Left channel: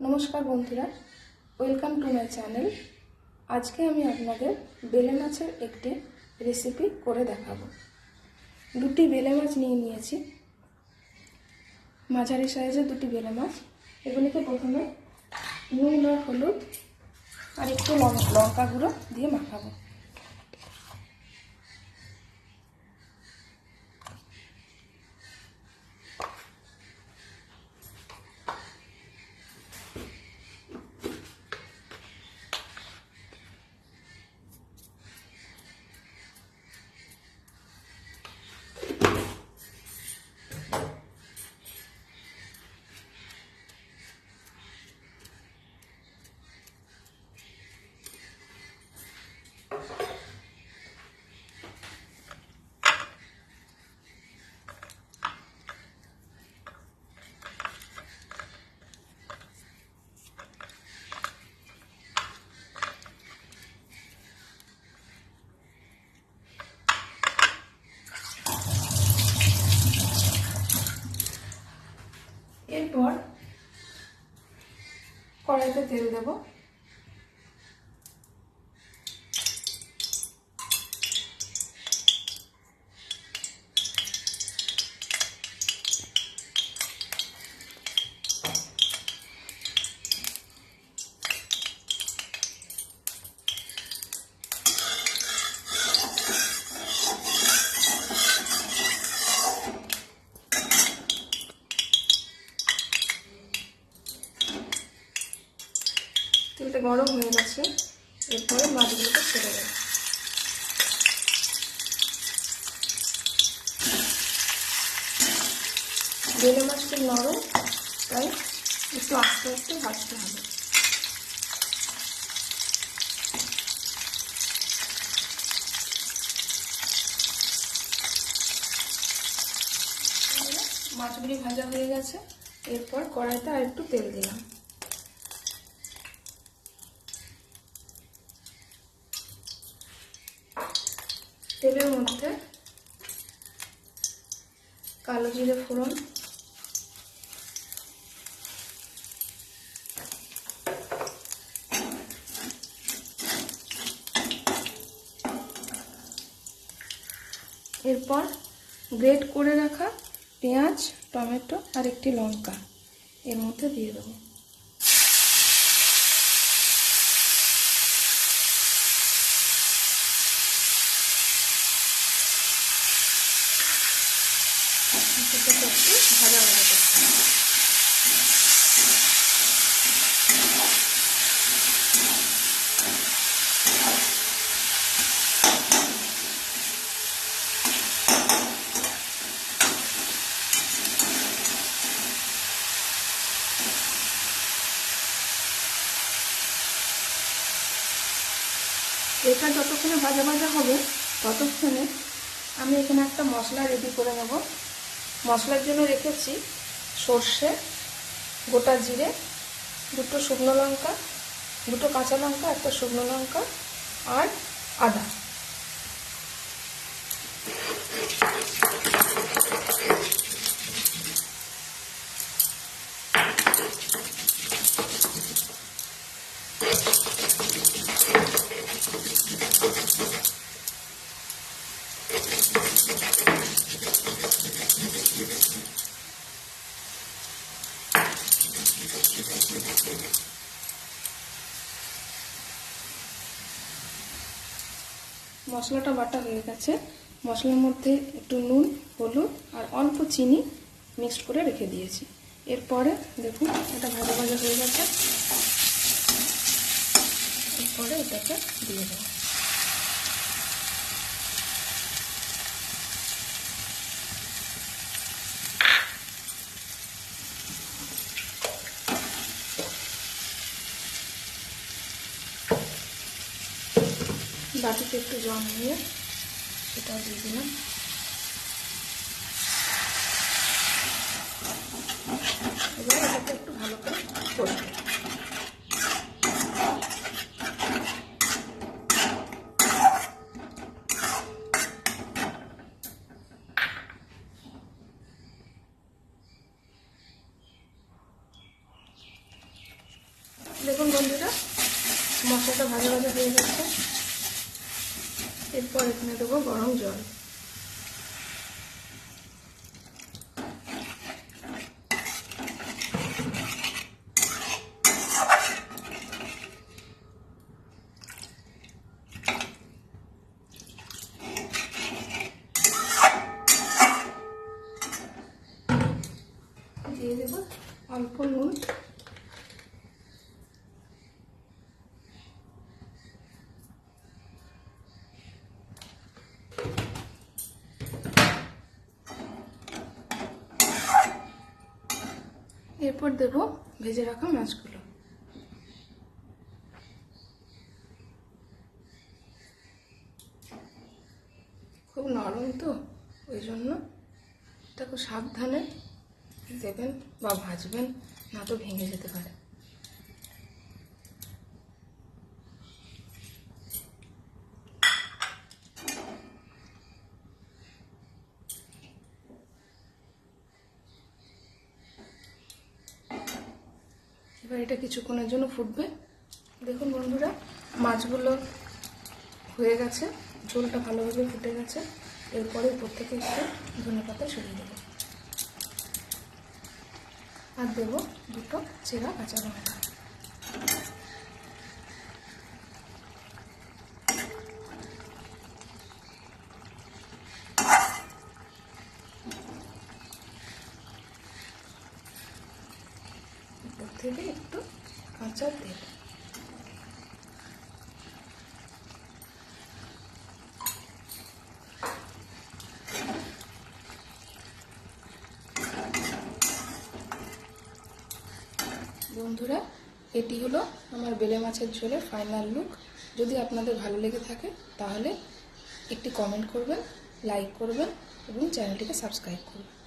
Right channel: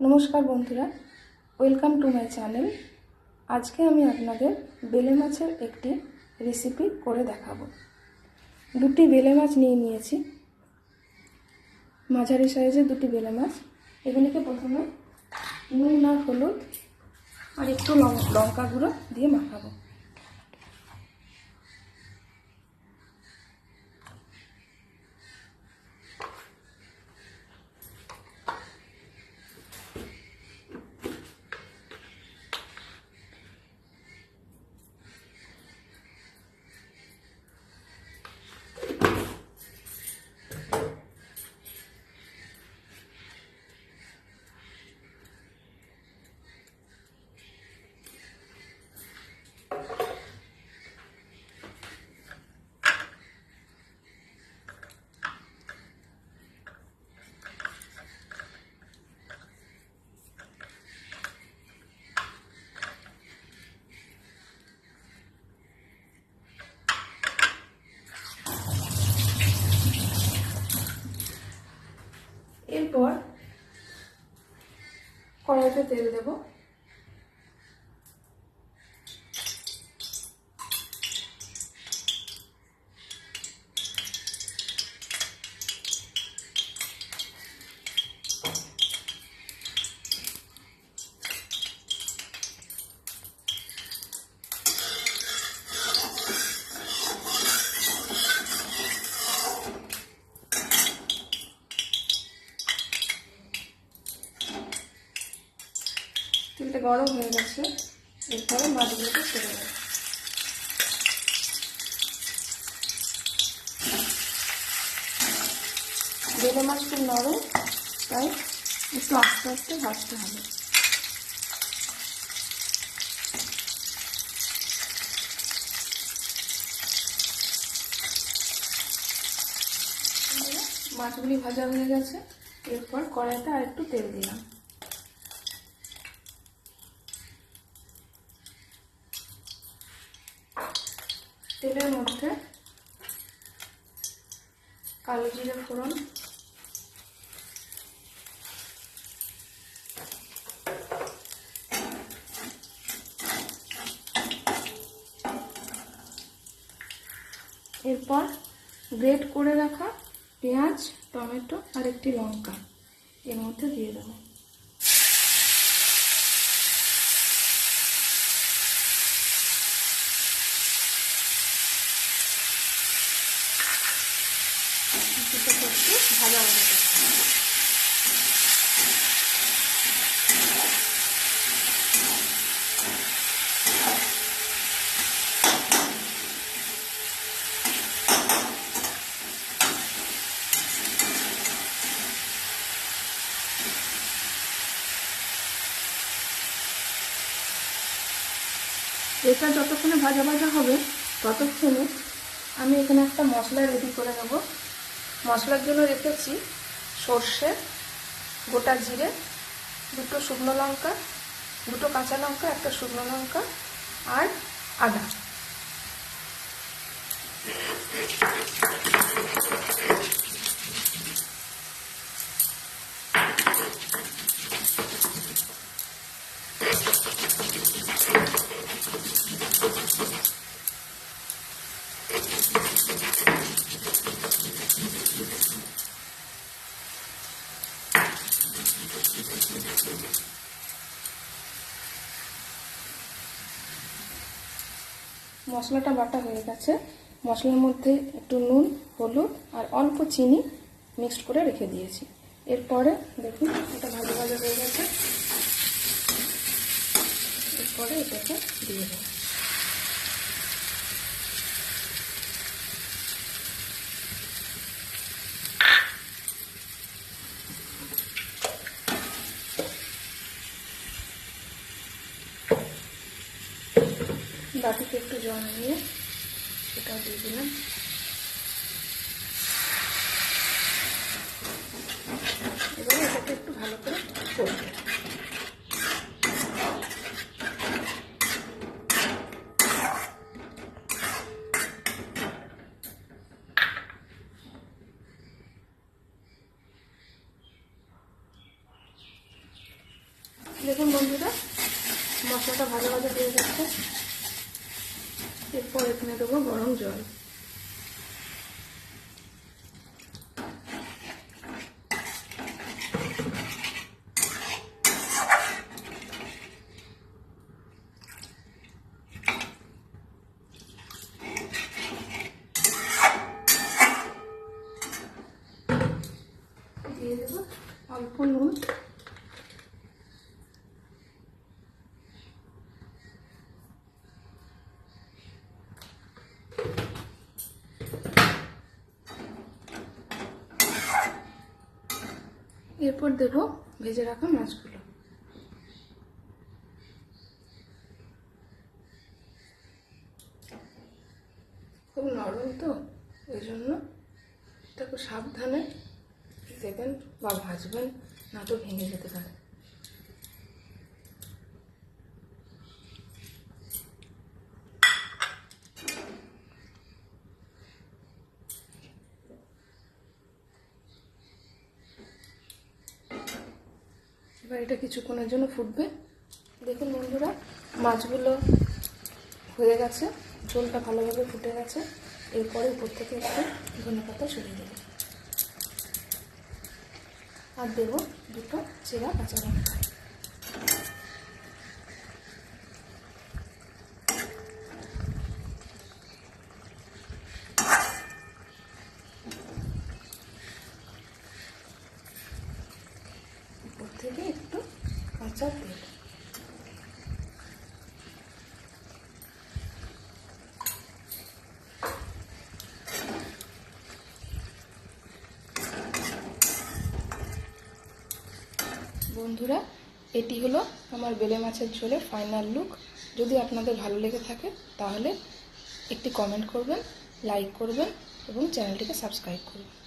নমস্কার বন্ধুরা, welcome to my channel. আজকে আমি আপনাদের বেলে মাছের একটি রেসিপি করে দেখাবো। দুটি বেলে মাছ নিয়ে নিয়েছি। মাঝারি সাইজের দুটি বেলে মাছ। এগুলিকে প্রথমে নুন আর হলুদ আর একটু লঙ্কা গুঁড়ো দিয়ে মাখাবো এরপর কড়াইতে তেল দেব। তেলটা গরম হয়ে গেছে, এরপরে মাছগুলোকে ছেড়ে দেবো। বেলে মাছটা নরম, তাই একটু আস্তে আস্তে ভাজতে হবে। মাছগুলি ভাজা হয়ে গেছে, এরপর কড়াইতে আর একটু তেল দিলাম। তেলের মধ্যে কালো জিরে ফোড়ন, এরপর গ্রেট করে রাখা পেঁয়াজ, টমেটো আর একটি লঙ্কা এর মধ্যে দিয়ে দেবো। একটু ভাজা এটা যতক্ষণে ভাজা ভাজা হবে, ততক্ষণে আমি এখানে একটা মশলা রেডি করে নেব। মশলার জন্য রেখেছি সর্ষে, গোটা জিরে, দুটো শুকনো লঙ্কা, দুটো কাঁচা লঙ্কা, একটা শুকনো লঙ্কা আর আদা। মশলাটা বাটা হয়ে গেছে। মশলার মধ্যে একটু নুন, হলুদ আর অল্প চিনি মিক্সড করে রেখে দিয়েছি। এরপরে দেখুন, এটা ভাজা ভাজা হয়ে গেছে। এরপরে এটাকে দিয়ে দেবো। বাটিতে একটু জল নিয়ে সেটাও দিয়ে দিলাম। এবার এটাকে একটু ভালো করে করব দেখুন বন্ধুরা, মশলাটা ভাজা ভাজা হয়ে গেছে। এরপর এখানে দেবো গরম জল। দিয়ে দেবো অল্প নুন। এরপর দেব ভেজে রাখা মাছগুলো। খুব নরম তো ওই জন্য এটা খুব সাবধানে দেবেন বা ভাজবেন, না তো ভেঙে যেতে পারে। এবার এটা কিছুক্ষণের জন্য ফুটবে। দেখুন বন্ধুরা, মাছগুলো হয়ে গেছে, ঝোলটা ভালোভাবে ফুটে গেছে। এরপরে উপর থেকে একটু ধনে পাতা সরিয়ে দেবো। আর দেবো দুটো চেরা কাঁচা লঙ্কা। উপর থেকে একটু কাঁচা তেল। বন্ধুরা, এটি হলো আমার বেলে মাছের ঝোলের ফাইনাল লুক যদি আপনাদের ভালো লেগে থাকে, তাহলে একটি কমেন্ট করবেন লাইক করবেন এবং চ্যানেলটিকে সাবস্ক্রাইব করবেন।